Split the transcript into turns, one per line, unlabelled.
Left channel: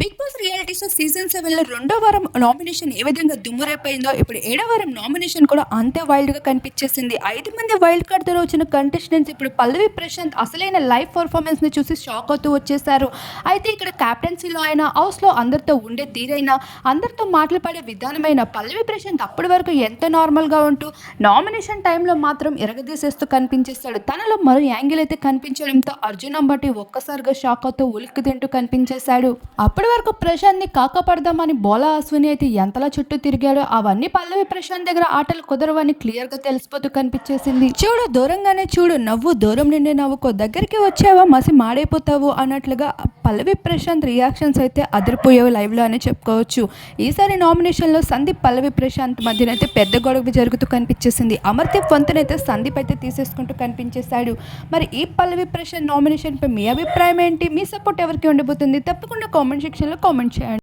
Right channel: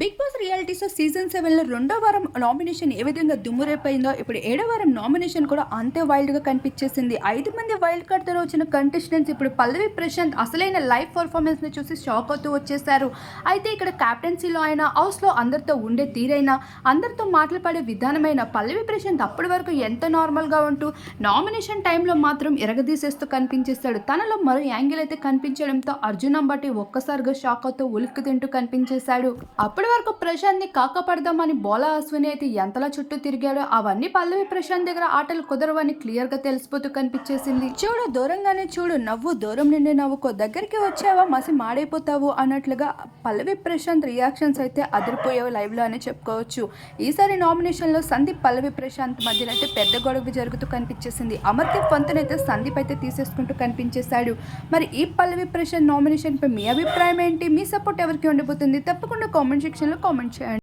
Big boss reality show season సెవెన్లో రెండో వారం నామినేషన్ ఏ విధంగా దుమ్మురైపోయిందో ఇప్పుడు ఏడో వారం నామినేషన్ కూడా అంతే వైల్డ్గా కనిపించేసింది. ఐదు మంది వైల్డ్ కార్డ్తో వచ్చిన కంటెస్టెంట్స్ ఇప్పుడు పల్లవి ప్రశాంత్ అసలైన లైవ్ పర్ఫార్మెన్స్ని చూసి షాక్ అవుతూ వచ్చేసారు అయితే ఇక్కడ క్యాప్టెన్సీలో అయినా హౌస్లో అందరితో ఉండే తీరైనా అందరితో మాట్లాడే విధానమైన పల్లవి ప్రశాంత్ అప్పటి వరకు ఎంతో నార్మల్గా ఉంటూ నామినేషన్ టైంలో మాత్రం ఎరగదీసేస్తూ కనిపించేస్తాడు తనలో మరో యాంగిల్ అయితే కనిపించడంతో అర్జున్ అంబటి ఒక్కసారిగా షాక్ అవుతూ ఉలిక్కి తింటూ కనిపించేశాడు. అప్పుడు వరకు ప్రశాంత్ని కాకపడదామని బోలా అశ్విని అయితే ఎంతలా చుట్టూ తిరిగాడో అవన్నీ పల్లవి ప్రశాంత్ దగ్గర ఆటలు కుదరవని క్లియర్గా తెలిసిపోతూ కనిపించేసింది. చూడు దూరంగానే చూడు నవ్వు దూరం నుండి నవ్వుకో దగ్గరికి వచ్చావా మసి మాడైపోతావు అన్నట్లుగా పల్లవి ప్రశాంత్ రియాక్షన్స్ అయితే అదిరిపోయేవి లైవ్లో అనే చెప్పుకోవచ్చు. ఈసారి నామినేషన్లో సందీప్ పల్లవి ప్రశాంత్ మధ్యన అయితే పెద్ద గొడవ జరుగుతూ కనిపించేసింది. అమర్దీప్ వంతనైతే సందీప్ అయితే తీసేసుకుంటూ కనిపించేశాడు. మరి ఈ పల్లవి ప్రశాంత్ నామినేషన్ పై మీ అభిప్రాయం ఏంటి? మీ సపోర్ట్ ఎవరికి ఉండబోతుంది? తప్పకుండా కామెంట్ సెక్షన్లో కామెంట్ చేయండి.